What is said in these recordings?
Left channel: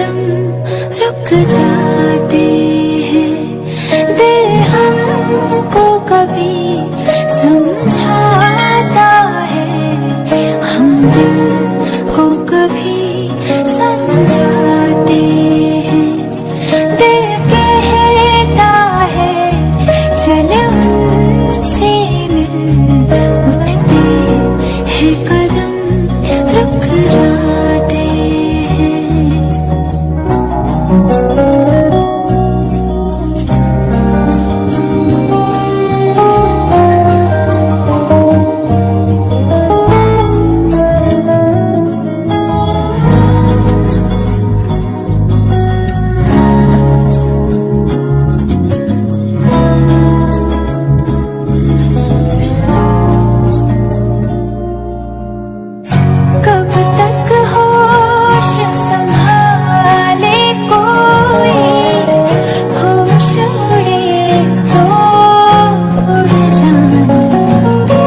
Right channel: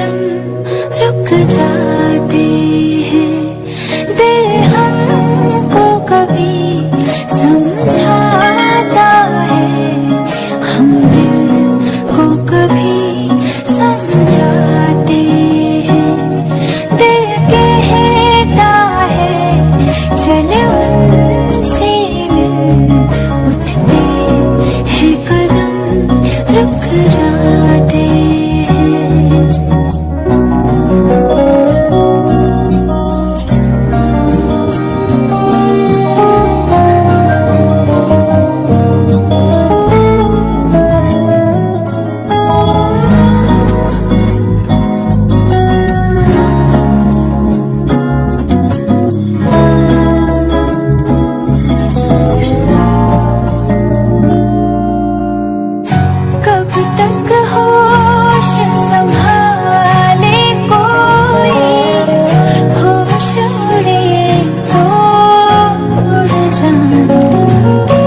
कदम रुक जाते हैं। दिल हमको कभी समझाता है, हम दिल को कभी समझाते हैं। दिल कहता है चल उनसे मिल, उठते हैं कदम रुक जाते हैं। कब तक होश संभाले कोई, होश उड़े तो उड़ जाने दे।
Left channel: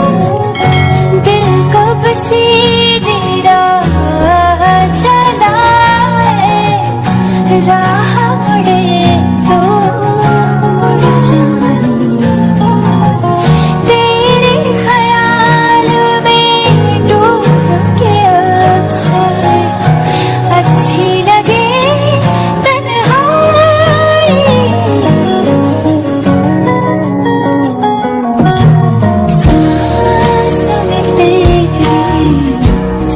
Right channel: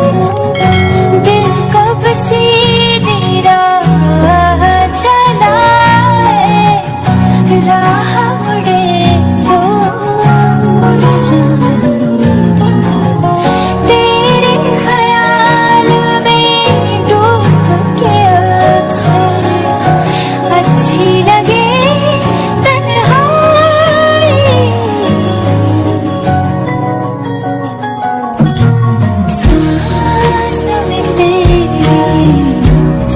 दिल कब सीधी राह चला है, राह उड़े तो उड़ जाने दे। तेरे ख्याल में डूब के अक्सर अच्छी लगे तन्हाई। सांस में तेरी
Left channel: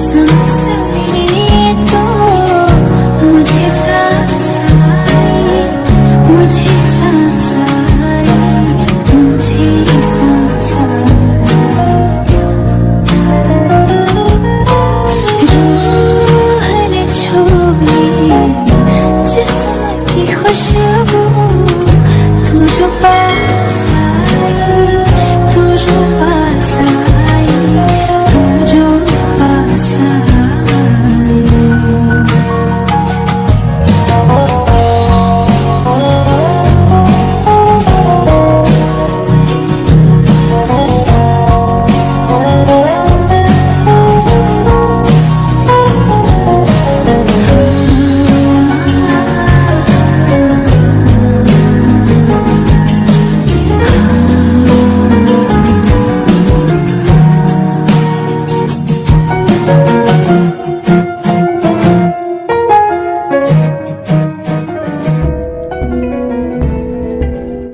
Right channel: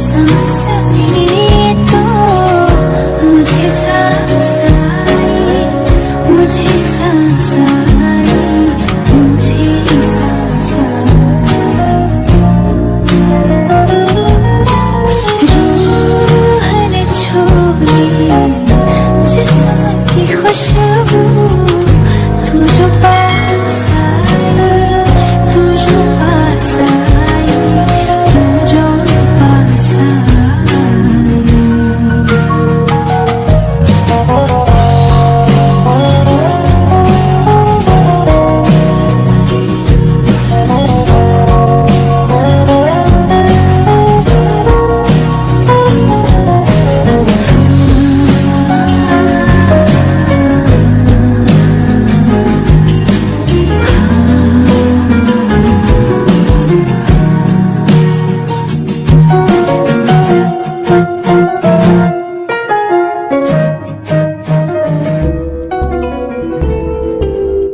सांस में तो मुझे सांस आई, मुझे सांस आई, मुझे सांस आई। रूह ने छोड़ी जिस्म की खुशबू, तू जो पास आई, तू जो पास